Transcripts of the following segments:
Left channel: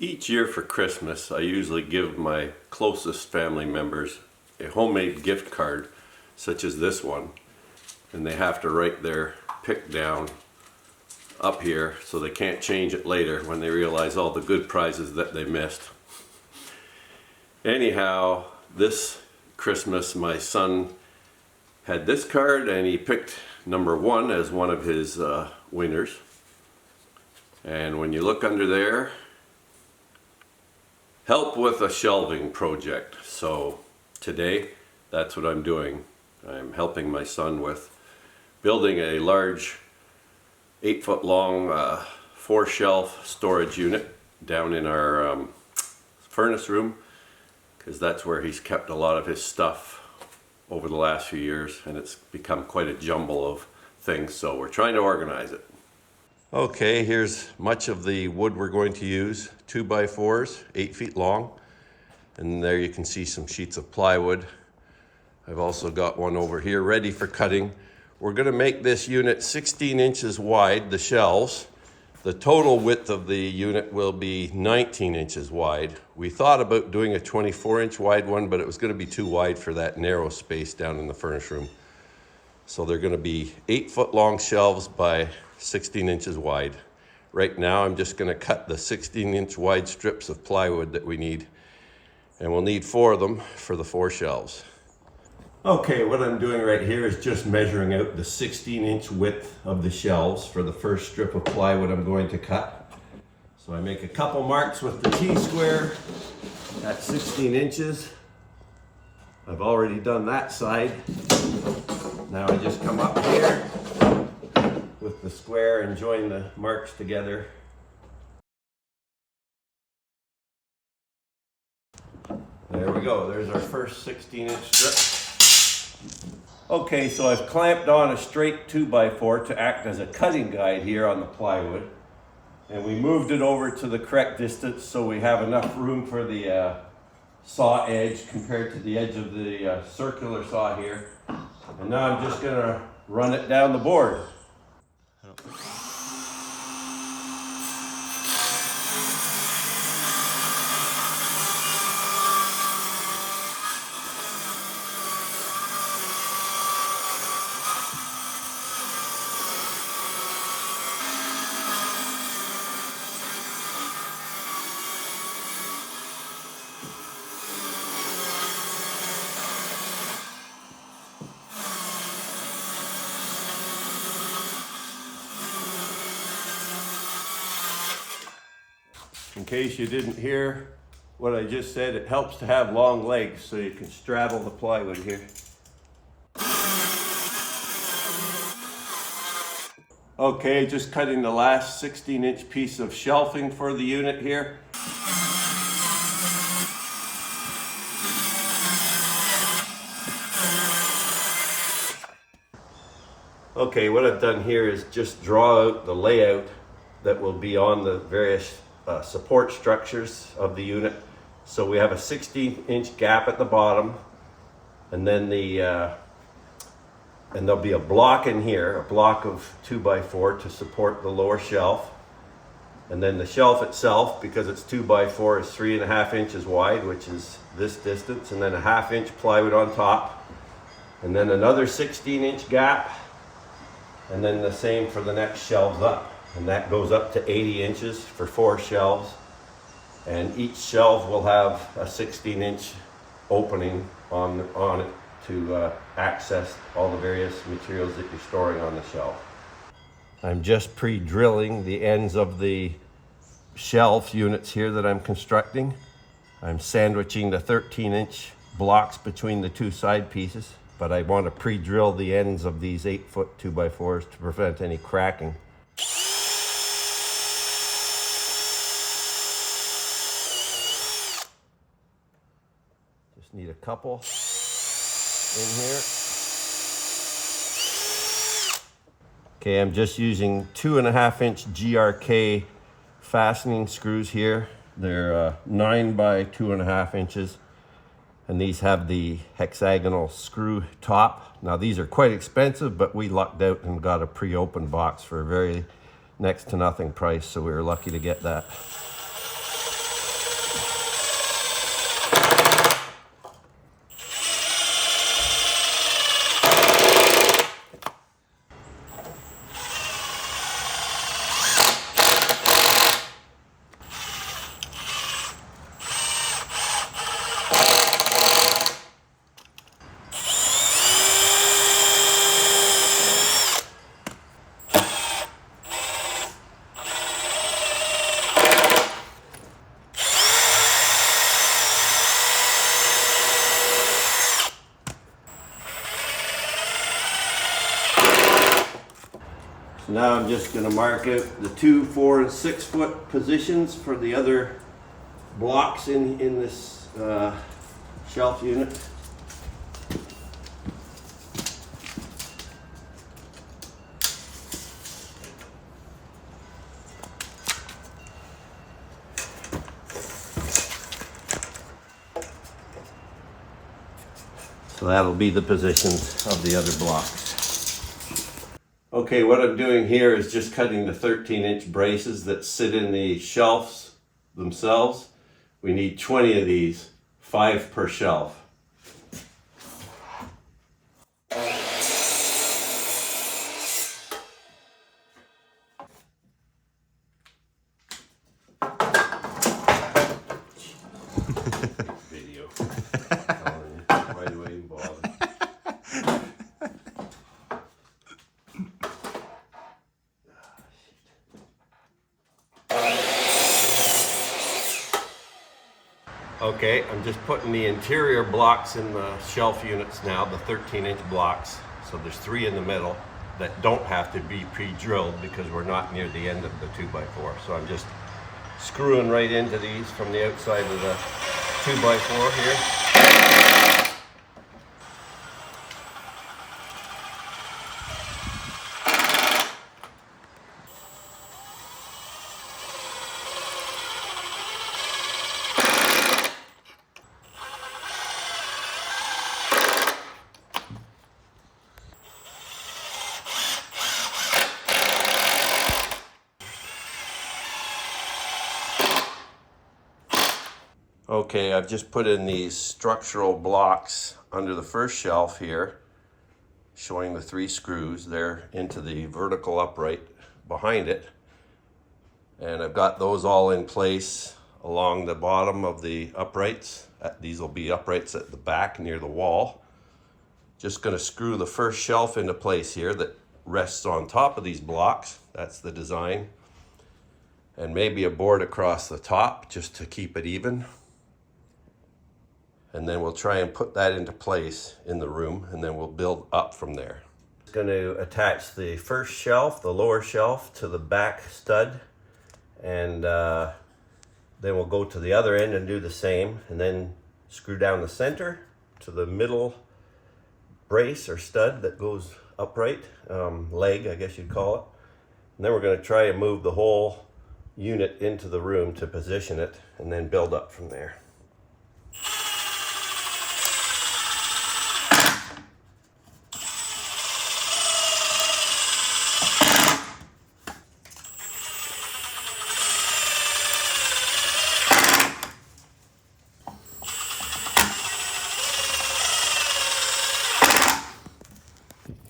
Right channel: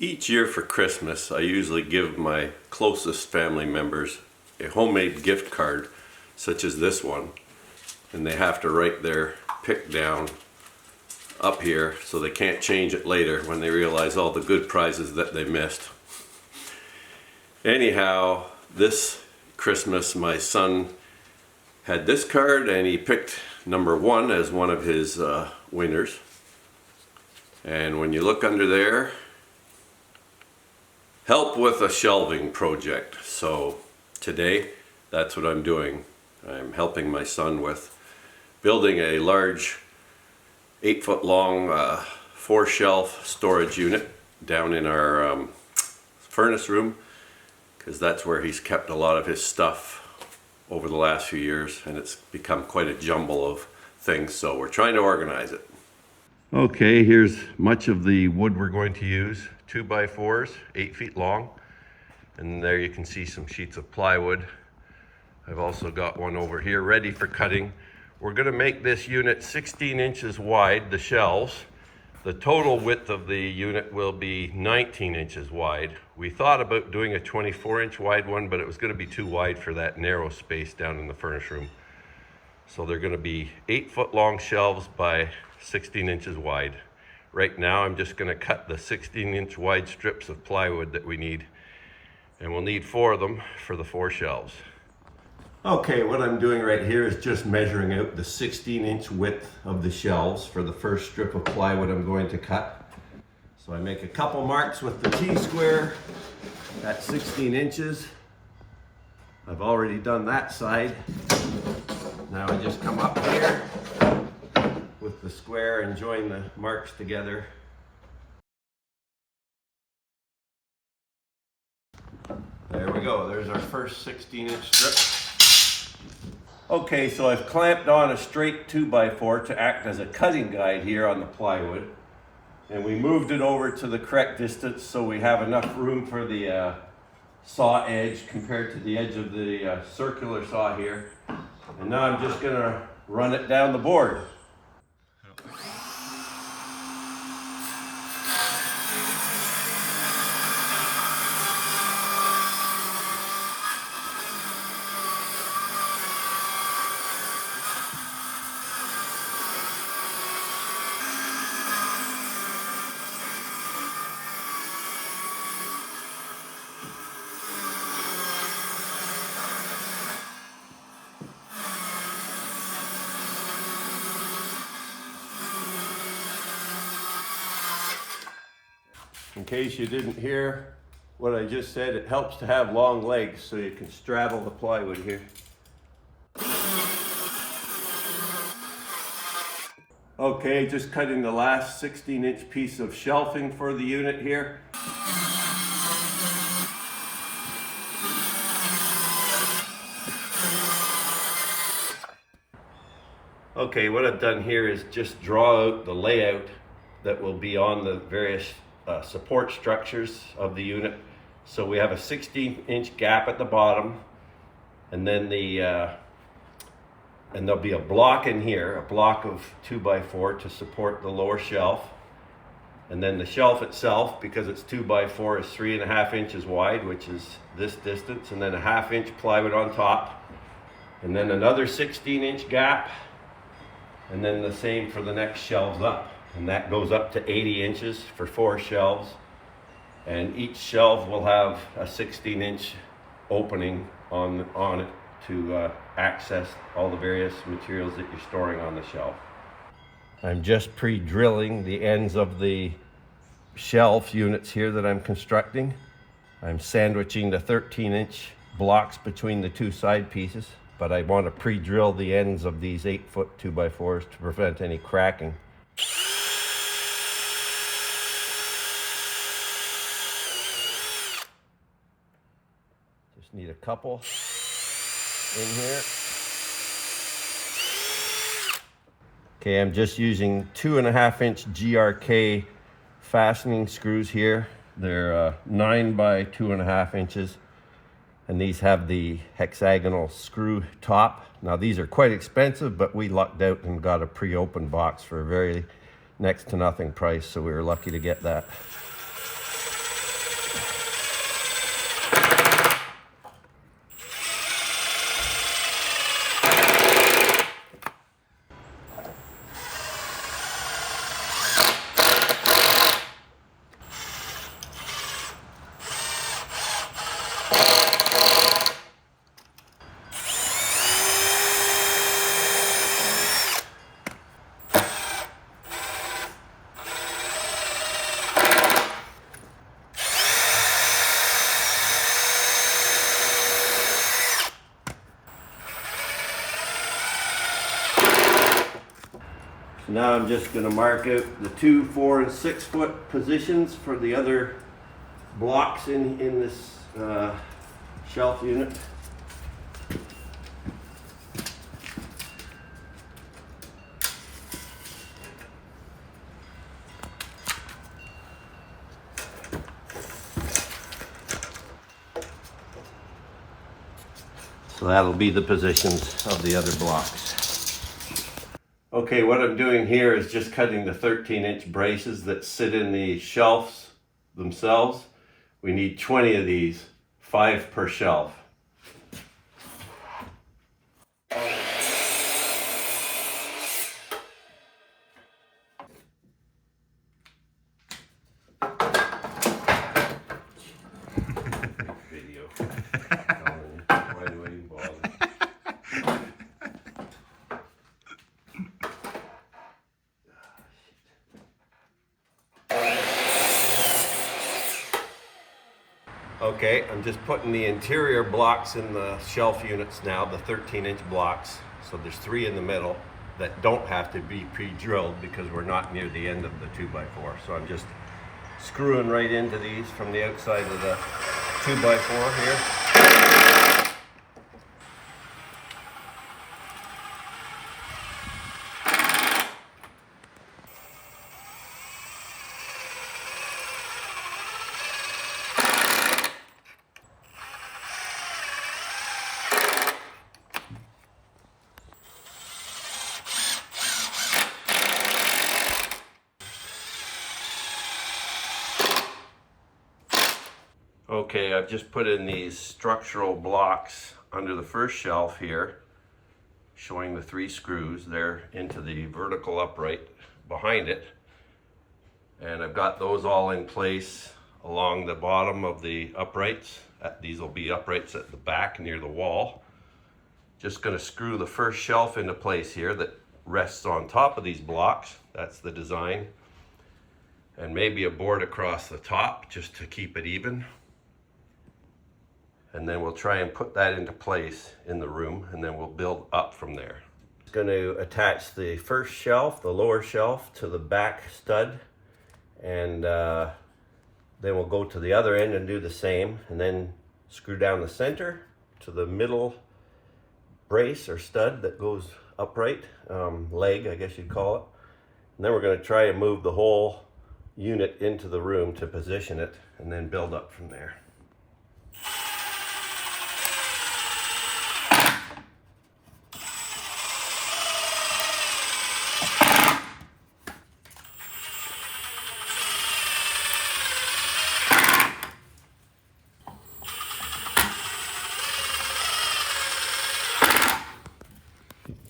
Each year for Christmas, I usually give my closest family members a homemade gift card, such as this one, and they have to write their pick down up here so they can't change it later when they realize all the good prizes that they missed. Anyhow, this Christmas my son had this card and he picked number 1 as one of his winners. And when you look under there, help with a shelving project. So today, that's what I'm doing. I'm helping my son with building a large 8-foot long 4-shelf storage unit down in our furnace room, because that's where he's kept a lot of his stuff over the last few years, and it's become quite a jumble of things, so we're trying to organize it. Okay, here's much of the wood we're going to use. 2x4's, 8 feet long, and there you can see some sheets of plywood. I've also got one over here ready for cutting. We're going to make this unit 16 inches wide, the shelves. The total width of the unit will be 19 inches wide. We thought about doing a 24-inch wide one, but it was going to be too wide for that narrow space down in the furnace room. So they're going to be 8-foot long shelves by 16 inches wide. Right now I'm just going to cut the 16-inch wide strips of plywood that we need, and we'll need 4 of them for the 4 shelves. Okay, what I'm doing right here is just measuring out the 16-inch width of the shelves for the first strip of plywood I'm going to cut. So I make a couple marks with the T-square at 16 inches. I've already done that side. Now I just come up here with the square and join the marks together. There we go, there's our first 16-inch strip. Okay, so I've clamped on a straight 2x4 to act as a cutting guide here on the plywood. And we moved it over to the correct distance so we have enough room for the saw edge compared to the edge of the circular saw here. And now I'm just gonna run it down the board. In case you didn't hear what I just said, it helps to have long legs so you can straddle the plywood here. Okay, just cutting the last 16-inch piece of shelving for the unit here. Okay, what I've done here is just draw out the layout that will be on the various support structures of the unit. So we have a 16-inch gap at the bottom, and then and there'll be a block in here, a block of 2x4 to support the lower shelf. And then the shelf itself, because it's 2x4, is 3.5 inches wide, which is this distance, and then a 1/2 inch plywood on top, and then another 16-inch gap, and then the same for the next shelves up. And that goes up to 80 inches for 4 shelves. And each shelf will have a 16-inch opening on it to access all the various materials that you're storing on the shelf. I'm just pre-drilling the ends of the shelf units here that I'm constructing. I'm sandwiching the 13-inch blocks between the 2 side pieces, but I want to pre-drill the ends of these 8-foot 2x4s to prevent any cracking. Just need a couple in here. Okay, I'm just using 2.5-inch GRK fastening screws here. They're 9 by 2.5 inches, and these have the hexagonal screw top. Now these are quite expensive, but we lucked out and got a pre-opened box for a very next to nothing price, so we were lucky to get that. So now I'm just going to mark out the 2, 4, and 6 foot positions for the other blocks in this shelf unit. So that'll be the positions of the other blocks. Okay, what I'm doing here is just cutting the 13-inch braces that sit in the shelves themselves. We need 20 of these, 5 per shelf. Video. Why do I even bother? Okay, I'm just putting the interior blocks in the shelf units now, the 13-inch blocks. So there's 3 in the middle that don't have to be pre-drilled because we're not near the end of the 2x4. So I'm just screwing right into these from the outside of the 2x4 here. Okay, I've just put in these structural blocks under the first shelf here, showing the 3 screws. They're into the vertical upright behind it. And I've got those all in place along the bottom of the uprights. These will be uprights at the back near the wall. Just going to screw the first shelf into place here that rests on top of these blocks. That's the design. And maybe a board across the top just to keep it even. And then we'll try and put that into place in the room, and then we'll build up from there. I'm going to attach the first shelf, the lower shelf, to the back stud, and then we'll go to the other end and do the same, and then screw down the center to the middle brace or stud that goes upright, leg I guess you'd call it. And then we're going to try and move the whole unit into the room to position it, and then build up from there.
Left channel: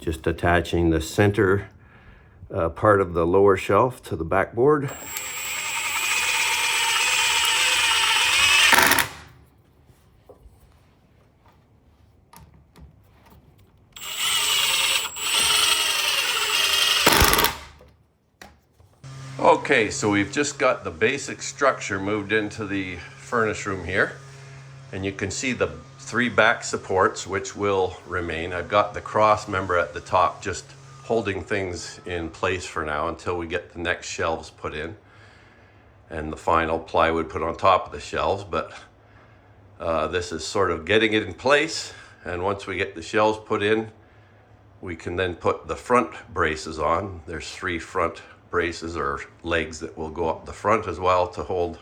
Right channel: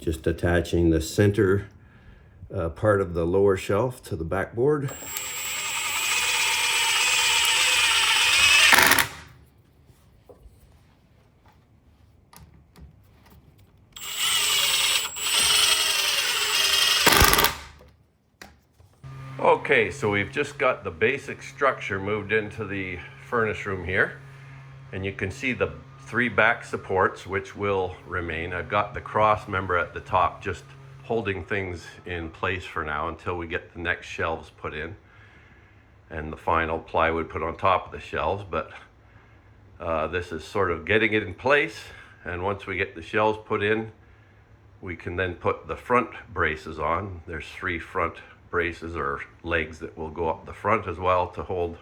Just attaching the center part of the lower shelf to the backboard. Okay, so we've just got the basic structure moved into the furnace room here, and you can see the 3 back supports which will remain. I've got the cross member at the top just holding things in place for now until we get the next shelves put in and the final plywood put on top of the shelves, but this is sort of getting it in place, and once we get the shelves put in, we can then put the front braces on. There's 3 front braces or legs that will go up the front as well to hold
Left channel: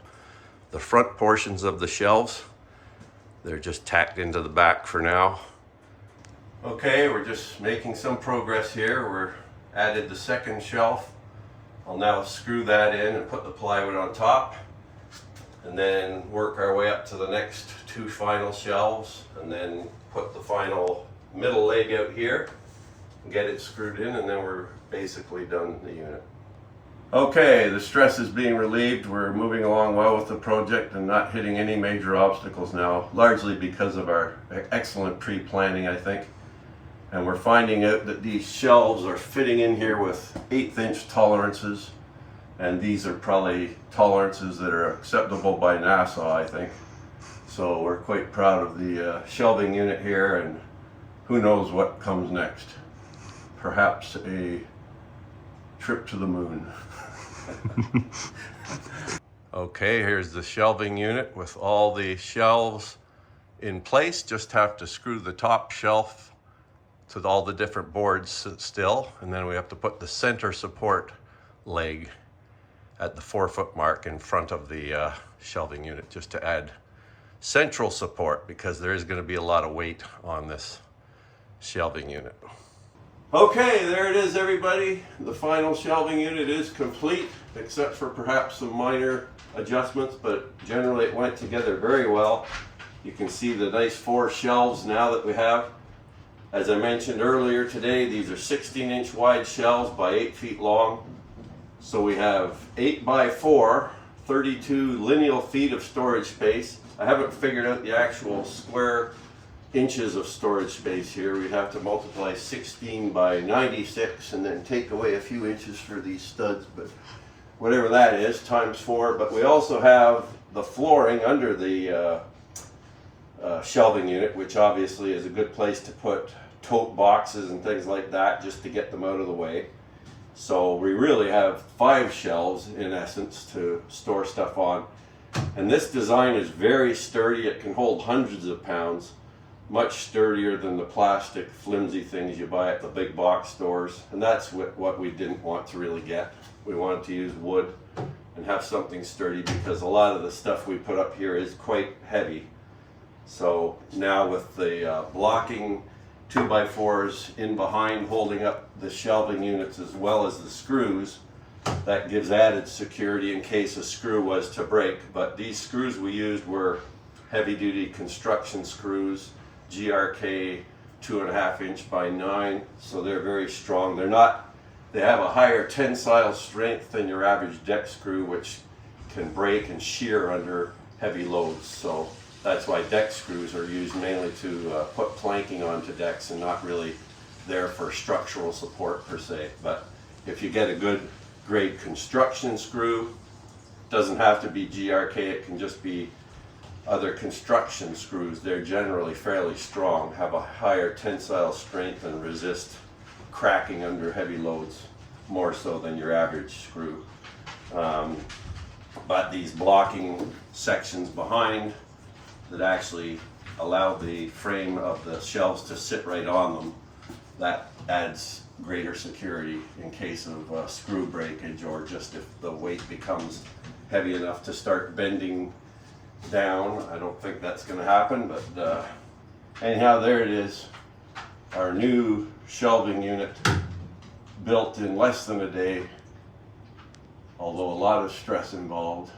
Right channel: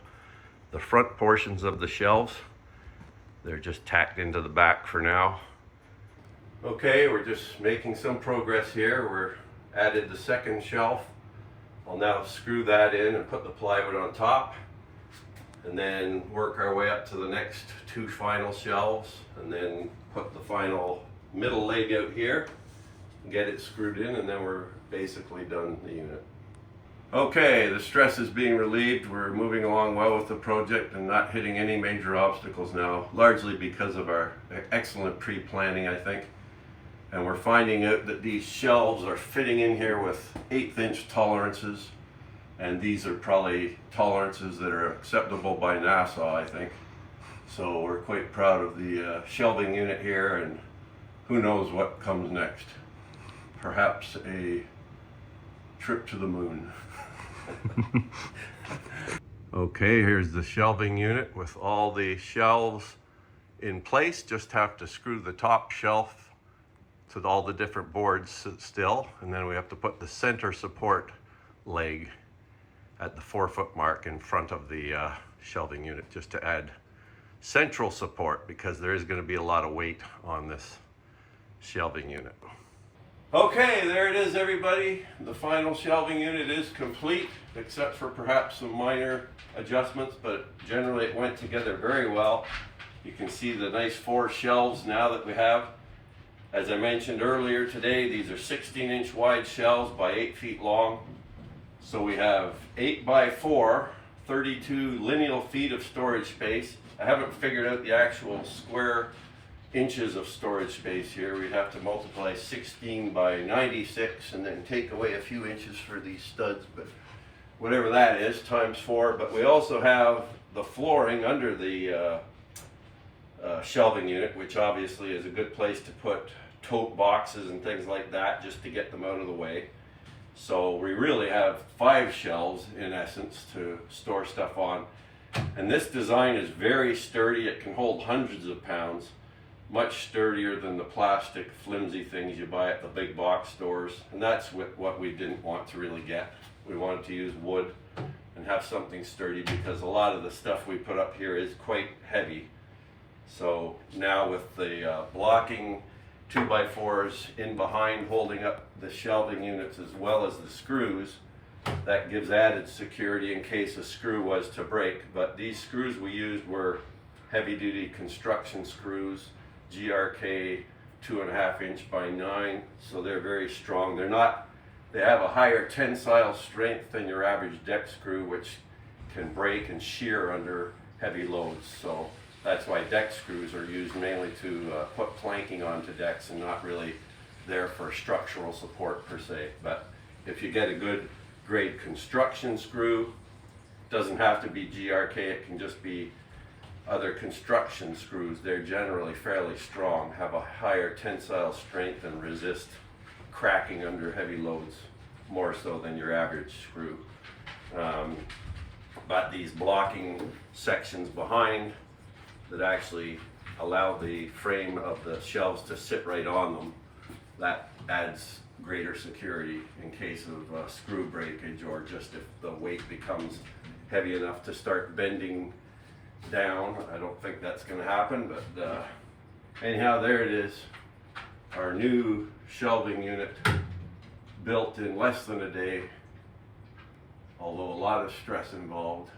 the front portions of the shelves. They're just tacked into the back for now. Okay, we're just making some progress here. We're added the second shelf. I'll now screw that in and put the plywood on top, and then work our way up to the next 2 final shelves, and then put the final middle leg out here, get it screwed in, and then we're basically done the unit. Okay, the stress is being relieved. We're moving along well with the project and not hitting any major obstacles now, largely because of our excellent pre-planning, I think. And we're finding out that these shelves are fitting in here with 1/8" tolerances, and these are probably tolerances that are acceptable by NASA, I think. So we're quite proud of the shelving unit here, and who knows what comes next. Perhaps a trip to the moon. Okay, here's the shelving unit with all the shelves in place. Just have to screw the top shelf to all the different boards still, and then we have to put the center support leg at the 4-foot mark in front of the shelving unit, just to add central support, because there is going to be a lot of weight on this shelving unit. Okay, there it is, everybody. The final shelving unit is complete, except for perhaps some minor adjustments, but generally it went together very well. You can see the nice 4 shelves now that we have. As I mentioned earlier today, these are 16-inch wide shelves by 8 feet long. So we have 8 by 4, 32 lineal feet of storage space. I haven't figured out the actual square inches of storage space here. We'd have to multiply 16 by 96 and then take away a few inches for these studs, but whatever that is, times 4. But we also have the flooring under the shelving unit, which obviously is a good place to put tote boxes and things like that, just to get them out of the way. So we really have 5 shelves in essence to store stuff on. And this design is very sturdy. It can hold hundreds of pounds, much sturdier than the plastic flimsy things you buy at the big box stores. And that's what we didn't want to really get. We wanted to use wood and have something sturdy, because a lot of the stuff we put up here is quite heavy. So now with the blocking 2x4's in behind holding up the shelving units as well as the screws, that gives added security in case a screw was to break. But these screws we used were heavy duty construction screws, GRK 2.5 inch by 9, so they're very strong. They have a higher tensile strength than your average deck screw, which can break and shear under heavy loads. So that's why deck screws are used mainly to put planking onto decks, and not really there for structural support per se. But if you get a good grade construction screw, doesn't have to be GRK, it can just be other construction screws. They're generally fairly strong, have a higher tensile strength, and resist cracking under heavy loads more so than your average screw. But these blocking sections behind that actually allow the frame of the shelves to sit right on them, that adds greater security in case of screw breakage, or just if the weight becomes heavy enough to start bending down. I don't think that's going to happen, but anyhow, there it is, our new shelving unit, built in less than a day, although a lot of stress involved.